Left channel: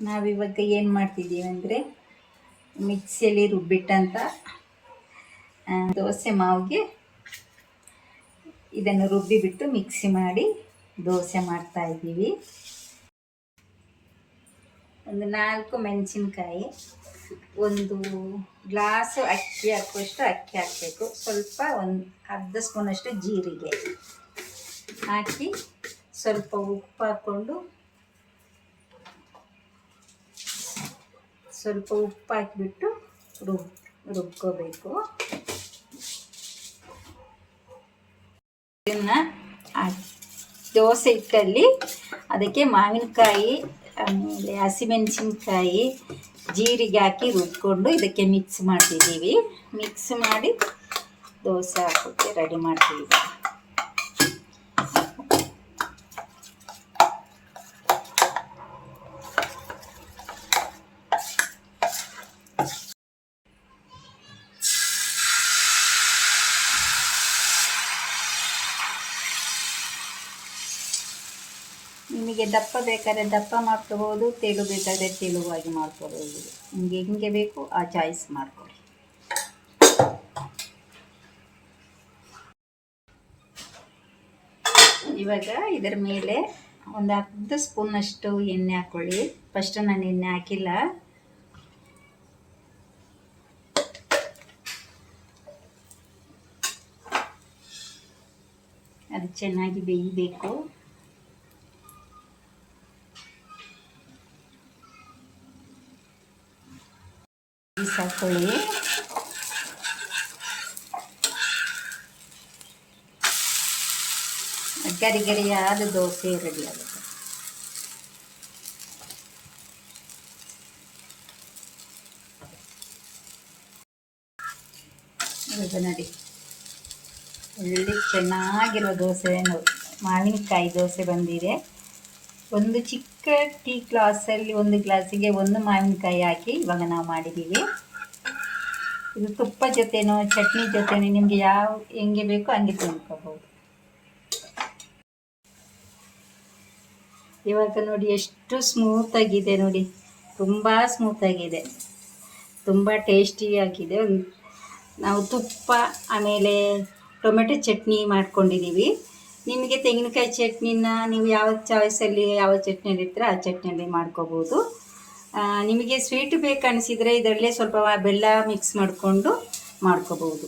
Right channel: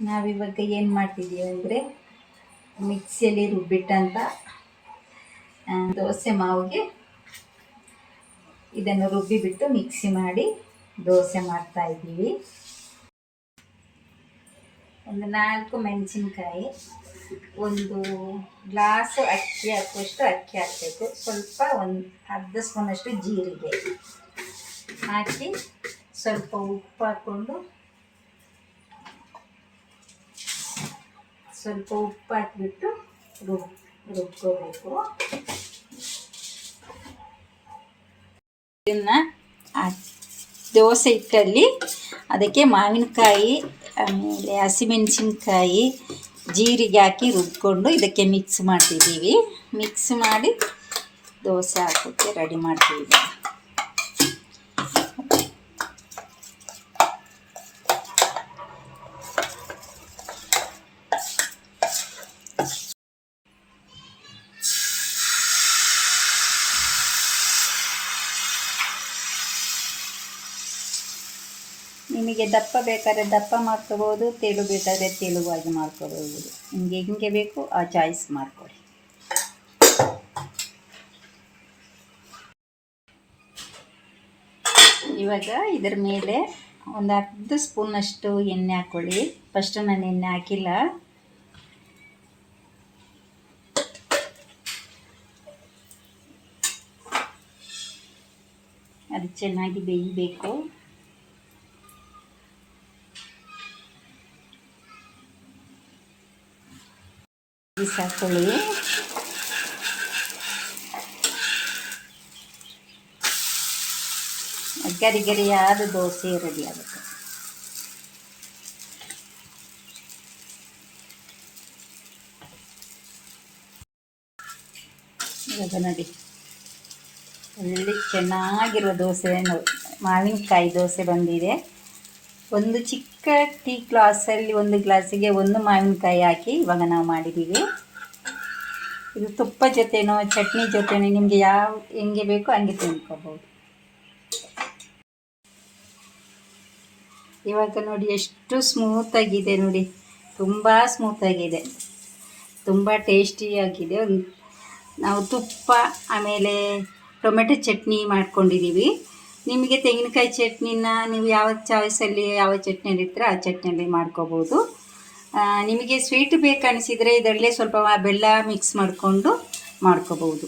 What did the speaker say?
ನಾವಿವಾಗ ಏನು ಮಾಡ್ತಿದ್ದೀವಿ ಅಂದರೆ ಮಿಕ್ಸಿಯಲ್ಲಿ ರುಬ್ಬಿಟ್ಟಂಥ ದೋಸೆ ಮಾವಿಗೆ ಇದನ್ನು ರುಬ್ಬಿಬಿಟ್ಟು ಮಿಕ್ಸಿ ಮಾಡಿ ದೋಸೆ ಮಾಡ್ತಾ ಇದ್ದೀವಿ. ಒಂದು ನಾಲ್ಕು ಮೆಣಸಿನ್ಕಾಯಿ, ಒಂದು ಗ್ಲಾಸು ಅಕ್ಕಿ ಹಾಕುವಷ್ಟು ಅಕ್ಕಿ ಹಾಕಬೇಕು. ಸ್ವಲ್ಪ ಒಂದು ಅರ್ಧ ಸ್ಪೂನಷ್ಟು ಜೀರಿಗೆ ಹಾಕಿ ಸ್ವಲ್ಪ ಉಪ್ಪು ಹಾಕ್ಕೊಂಡು ಸ್ವಲ್ಪ ಉಪ್ಪು ಹಾಕಿಬಿಟ್ಟು ರುಬ್ ರುಬ್ಕೋಬೇಕು. ಇದನ್ನು ದೋಸೆ ಹಿಟ್ಟಲ್ಲಿ ಅದಕ್ಕೆ ಮಾವಿನಕಾಯಿ, ಆಮೇಲೆ ಹಸಿಮೆಣಸಿನ್ಕಾಯಿ, ಜೀರಿಗೆ ಹಾಕಿ ರುಬ್ಕೊಂಡು ಇದಕ್ಕೆ ಮಿಕ್ಸ್ ಮಾಡ್ತಿದ್ದೀವಿ. ಮಿಕ್ಸ್ ಮಾಡಿ ದೋಸೆ ಹಾಕೋಕ್ಕೆ ರೆಡಿ ಮಾಡ್ತೀವಿ ನಿಮಗೆ ದಪ್ಪ ಬೇಕಾದರೆ ದಪ್ಪ ಮಾಡ್ಕೋಬೋದು, ತೆಳು ಬೇಕಾದರೆ ತೆಳುವಾಗಿ ಮಾಡ್ಕೋಬೋದು. ನಿಮಗೆ ಹೆಂಗೆ ಬೇಕು ಆ ಚಾಯ್ಸ್ ಮಾಡಿಕೊಡಿ. ಇವಾಗ ಇದರ ಮೇಲೆ ಒಂದು ಅರ್ಧ ಸ್ಪೂನಷ್ಟು ಎಣ್ಣೆ ಹಾಕ್ಕೊಳ್ಳಿ ಫಸ್ಟು ನಾನು ಎಣ್ಣೆ ಹಾಕಿಲ್ಲ. ಅದು ಚೆನ್ನಾಗಿ ಬೇಯಬೇಕು. ಹಾಕೊಳ್ಳಿ ಗರಿ ಗರಿಯಾದ ದೋಸೆ ರೆಡಿ ಆಗುತ್ತೆ. ಇವಾಗ ನೋಡಿ. ಒಳ್ಳೆ ಚೆನ್ನಾಗಿರೋ ದೋಸೆ ಮಾವಿನಕಾಯಿ ದೋಸೆ ಬಂದಿದೆ. ಒಂದು ಚಿಕ್ಕ ಟೀ ಗ್ಲಾಸಲ್ಲಿ ಒಂದು ಗ್ಲಾಸಿಗೆ ಒಂದು ಮಾವಿನಕಾಯಿ ಹಾಕಿ ಇವಾಗ ನಾವು ಮಾಡಿದ್ದೀವಿ. ಇದು ತುಪ್ಪ ಜೊತೆನೋ, ಚಟ್ನಿ ಜೊತೆನೋ, ನಿಮಗೆ ಯಾವ, ಹೆಂಗೆ ಬೇಕೋ ಹಂಗೆ ತಿನ್ಕೋಬೋದು. ಇವಾಗ ನೋಡಿ ಎಷ್ಟು ಸ್ಮೂತಾಗಿದೆ ನೋಡಿ. ತುಂಬ ಸ್ಮೂತಾಗಿದೆ ತುಂಬ ಟೇಸ್ಟಿಯಾಗಿದೆ ನಾವು ತುಪ್ಪ ಆಮೇಲೆ ಟೊಮೆಟೊ ಚಟ್ನಿ ಮಾಡ್ಕೊಂಡಿದ್ದೀವಿ. ನಿಮಗೆ ತೆಂಗಿನಕಾಯಿ ಚಟ್ನಿನ ನೀವು ಯಾವ ಚಾಯ್ಸಲ್ಲಿ ಯಾವ ಚಟ್ನಿಯಲ್ಲಿ ಇರ್ತೀರ ಆ ಚಟ್ನಿಯಲ್ಲಿ ಮಾಡ್ಕೋಬೋದು. ನಿಮಗೆ ಸ್ವೀಟ್ ಬೇಕು ಅನಿಸಿದರೆ ಇದರಲ್ಲೇ ಸ್ವಲ್ಪ ಬೆಲ್ಲ ಮಿಕ್ಸ್ ಮಾಡಿಕೊಂಡು ಮಾಡ್ಕೋಬೋದು.